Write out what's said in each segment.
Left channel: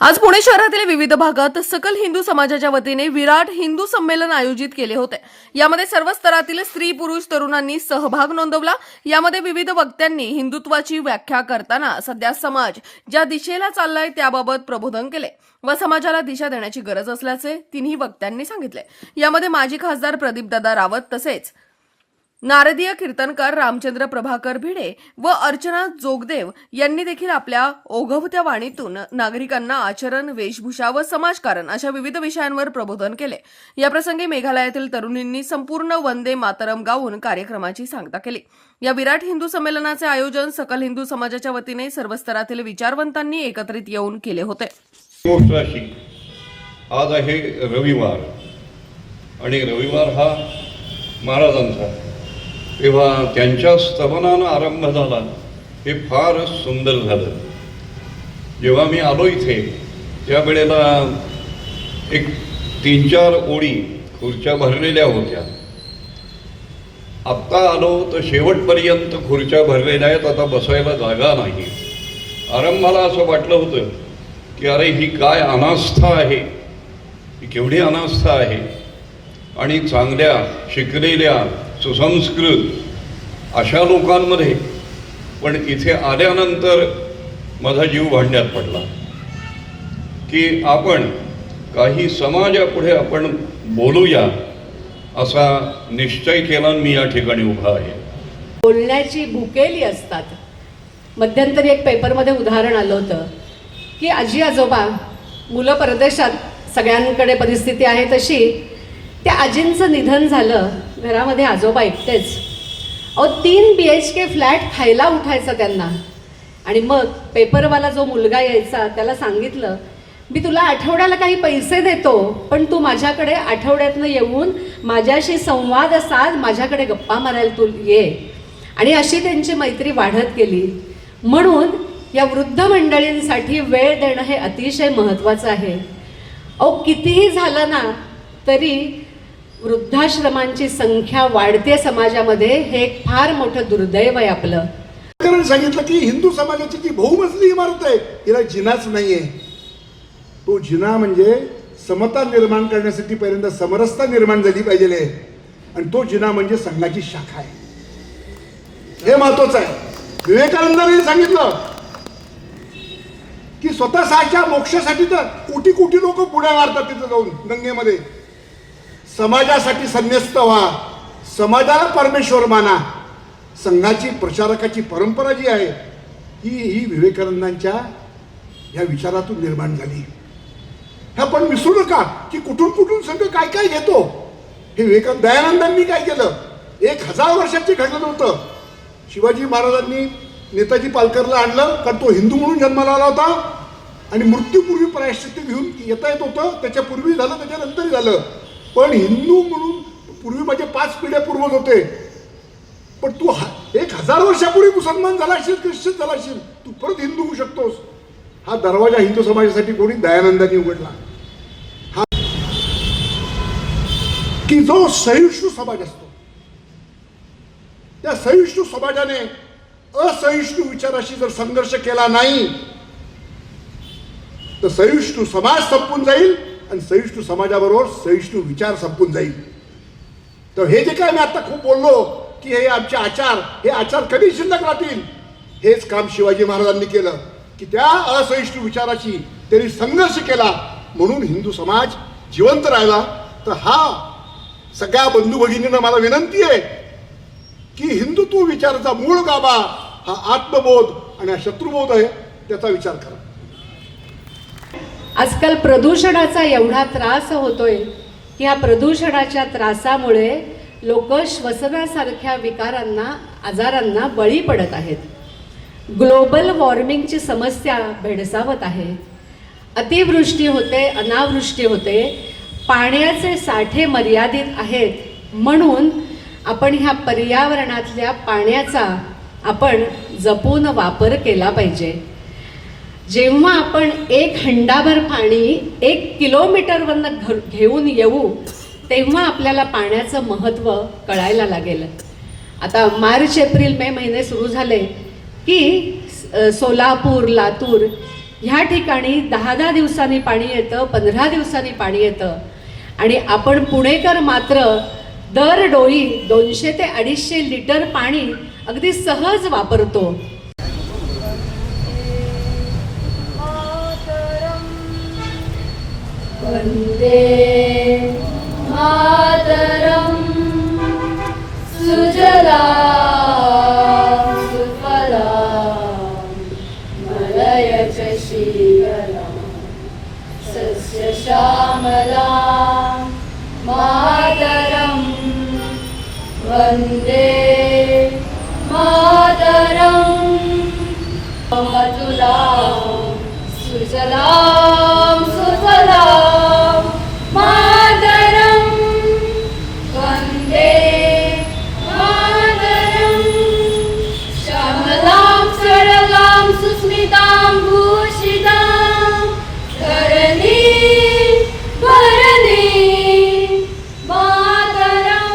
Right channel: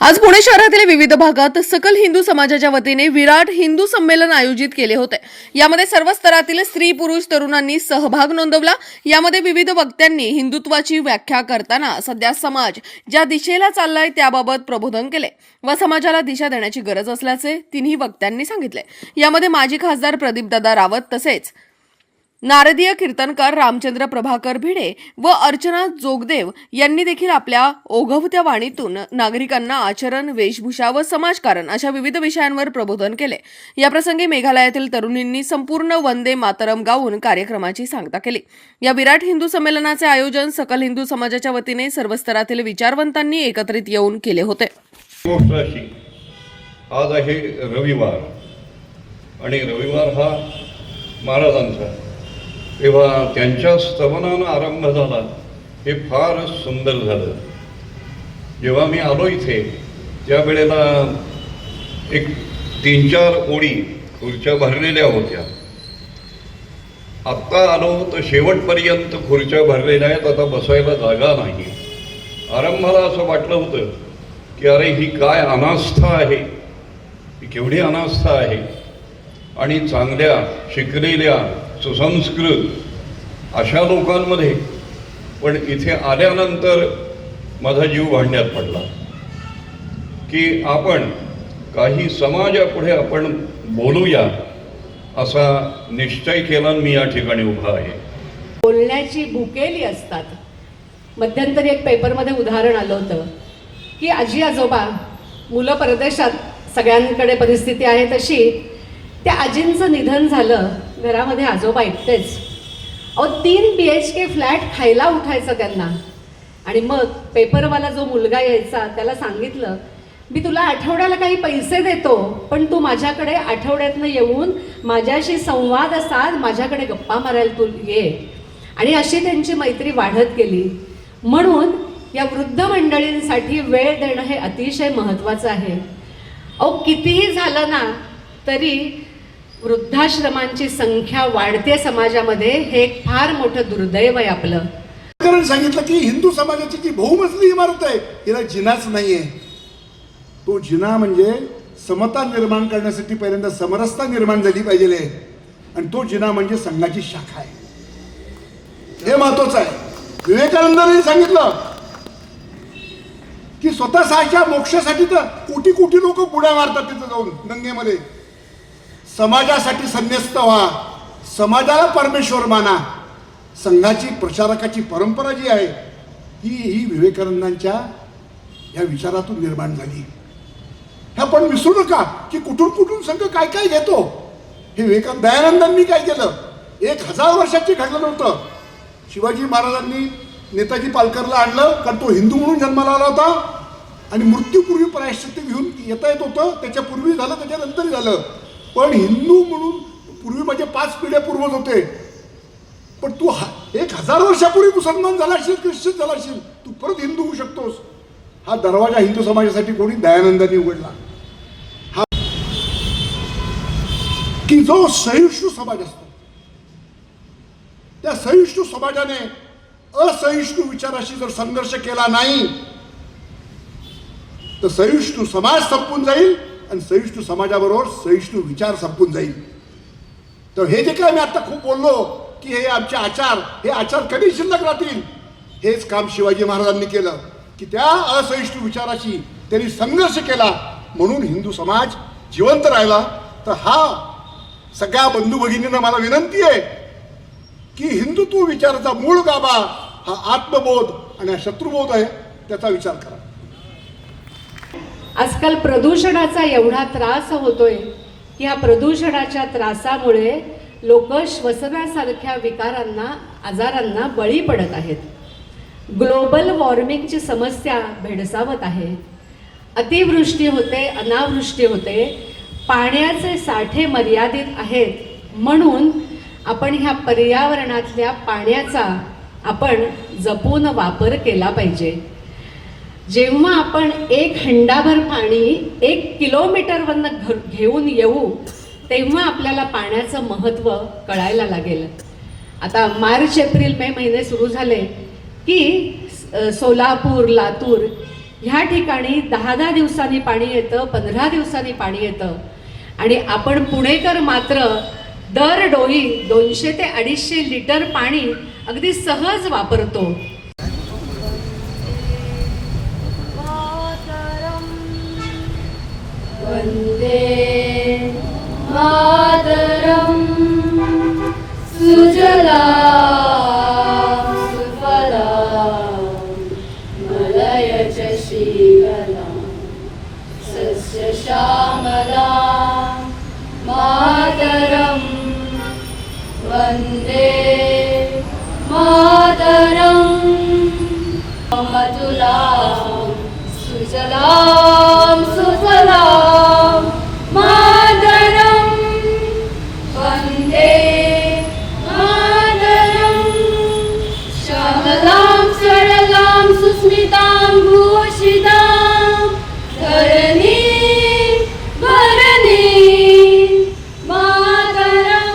आज पुणे शहरातील विविध भागात सकल हिंदू समाजाच्या वतीने विराट हिंदू संमेलन आयोजित केले होते। यामध्ये सर्व स्तरातील स्त्री पुरुष तरुणांनी सहभाग नोंदवला। यामध्ये विविध वक्त्यांनी हिंदुत्वाची व्याख्या करताना सध्या समाज ज्या दिशेला चाललाय त्याबाबत प्रबोधन केले व समाजाला दिशा देण्याची गरज असल्याचे तिन्ही वक्त्यांनी सांगितले। यामध्ये माजी खासदार प्रदीपदादा रावत तसेच नारदीय कीर्तनकार रामचंद्र प्रभाकर भिडे व अर्चना जोगदेव यांनी देखील आपल्या ओघवत्या वाणीतून नागरिकांना आचरण, वेशभूषा व समाजकारण अशा विविध विषयांवर प्रबोधन केले। या प्रसंगी मेघालयातील तरुणींनी संपूर्ण वंदे मातरम गाऊन कार्यक्रमाची सांगता केली। या विराट हिंदू संमेलनाचे आयोजन सकल हिंदू समाजाच्या वतीने सर्व स्तरातील विचारवंतांनी एकत्रित येऊन केले होते। आज आहे रविवार आणि रविवार हा महाराजांचा, तेव्हा त्यांच्या स्तवनानं आरंभ झाला, हे फारच सुंदर झालं। जेव्हा मी आलो इथे त्यावेळेला एक 3-4 ओळी खुर्च्या भरलेल्या होत्या। आत्ता आलो तर शेवटपर्यंत खुर्च्या भरलेल्या आहेत, आता बसायला जागा नाही। आरंभाला असं वाटलं होतं की अरे ही काय अनास्था आहे, ही केवढी अनास्था आहे। आणि चांगल्या शिकलेल्या सुसंस्कृत अशा लोकांमध्ये पण इथे आल्यानंतर माझा जीव भांड्यात पडला की आपण काही समाजापुढे आपण बोलूया असा निश्चय केला। मी या ठिकाणी उभा आहे। बोलण्याची भुकेली असतात। मध्यंतरी एक पेपरमध्ये उदाहरण आलं होतं की आजी आजोबा, मुलं परदेशात, सगळ्यांकडे परिस्थिती आहे तशी, त्या आजींचं निधन झालं, घरामध्ये आजोबा एकटेच। 3 BHK फ्लॅट खायला उठायचं त्यांना। आणि मग पेपरवाला जो मुलगा यायचा त्याला सांगितलं, मी तुला आठवड्याला काही पैसे देतो, पण तू माझ्याकडे आठवड्यातनं येऊन माझ्याशी संवाद साध, माझ्याकडे गप्पा मारायला तू ये। आणि अशी त्यांची मैत्री वाढत गेली। म्हणून या वृद्ध मंडळींसाठी वेळ देणं हे अतिशय महत्त्वाचं आहे। कितीही झालं ना तरी वृद्धाश्रमांची संख्या वाढते समाजामध्ये, हे एक फार मोठं दुर्दैव आहे आपलं। कारण सांगितलं की हिंदू समाजाची जी बहुमजली इमारत आहे हिला जिनाच नाहीये। तो जिना म्हणजे समता निर्माण करण्यासाठी पहिल्यांदा समरसता निर्माण झाली पाहिजे, आणि तो जिना म्हणजे संघाची शाखा आहे। हे महत्वाचं आहे। विवेकानंदांनी सांगितलं की स्वतःच्या मोक्षासाठी तर कोटी कोटी लोक बुड्या मारतात तिथं जाऊन गंगेमध्ये। समाजासाठी संन्यस्त व्हा, समाजाला परमेश्वर माना। संघाची प्रचारकाची परंपरा जी आहे ही विवेकानंदांच्या या विचारातून निर्माण झाली। हे आपण विसरू नका की कुठून कुठून संघ काय काय घेतो। हे दयानंदांनी काय केलं, 1000 वर्षाचे घडलं नव्हतं। शिवाजी महाराजांनी नेताजी पालकरला आणलं, कारण तो हिंदू म्हणून जन्माला आला होता आणि मृत्यूपूर्वी प्रायश्चित्त घेऊन येता येत होतं। त्याच्यापूर्वी झालं, त्याच्यानंतर झालं, पण हिंदू म्हणून पूर्वी माझे 5 पिढ्या पूर्वज होते। पण तू 1000 वर्षापूर्वी मुसलमान झाला असेल, ख्रिश्चन झाला असेल, तू परत हिंदू होऊ शकतोस। हा दरवाजा हिंदू समाजासाठी कोणी दयानंदांनी उघडला। हा की जो सहिष्णू समाज असतो, त्या सहिष्णू समाजाने असहिष्णू विचाराशी जर संघर्ष केला नाही तर सहिष्णू समाज संपून जाईल आणि सहिष्णू समाजाबरोबर सहिष्णू विचार संपून जाईल। तर हे जे काय मी आता खूप बोललो की हे आमचे आचार, हे आचार कधी शिल्लक राहतील, हेच काम शिवाजी महाराजांनी केलं की त्या असहिष्णू विचाराशी त्यांनी संघर्ष केला, म्हणून हिंदू समाज जिवंत राहिला। तर हा सगळ्या बंधू भगिनींना मला विनंती आहे की हिंदुत्व विचाराचा मूळ गाभा हा आत्मबोध आणि हा शत्रुबोध आहे, त्याचा विचार करा। आजकाल प्रदूषणाचा एवढा त्रास होतोय की ह्या प्रदूषणाच्या त्रासामुळे लोक श्वसनासारख्या विकारांना, आजारांना बळी पडत आहेत। ग्लोबल वॉर्मिंगची समस्या भेडसावत आहे। अतिवृष्टी होते, अनावृष्टी होते, पाण्याचे साठे मर्यादित आहेत। म्हणून आपण ह्या पर्यावरणातल्या पाण्याचा आपण जपून वापर केला पाहिजे। जेव्हा आपण 1 हंडाभर पाणी 1 किलोमीटरवरनं घेऊन येऊ तेव्हा आपल्याला पाण्याचं महत्त्व कळायला लागेल। आता मार्च, एप्रिल, मे महिने सुरू झाले की सोलापूर, लातूर ह्या ठिकाणी 10-10 दिवसांनी पाणी येतं, 15 दिवसांनी पाणी येतं आणि आपण पुणेकर मात्र दर डोळी 200 ते 250 लिटर पाणी अगदी सहज वापरतो. वंदे मातरम सुजलां सुफलां मलयज शीतलां सस्यश्यामलां मातरम वंदे मातरम मधुरां सुजलां सुफलां मातरं वन्दे मातरं श्यामलां सरलां सुस्मितां भूषितां धरणीं भरणीं मातरं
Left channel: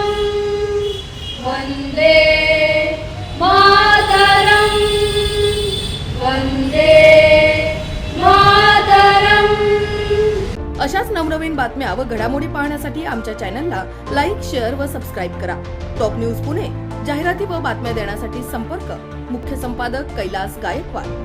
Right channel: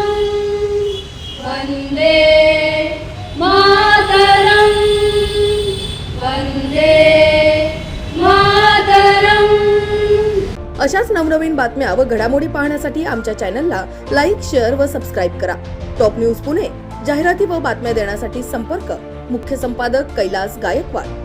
वन्दे मातरं वन्दे मातरं. अशाच नवनवीन बातम्या व घडामोडी पाहण्यासाठी आमच्या चॅनलला लाईक, शेअर व सबस्क्राईब करा. टॉप न्यूज पुणे जाहिराती व बातम्या देण्यासाठी संपर्क मुख्य संपादक कैलास गायकवाड.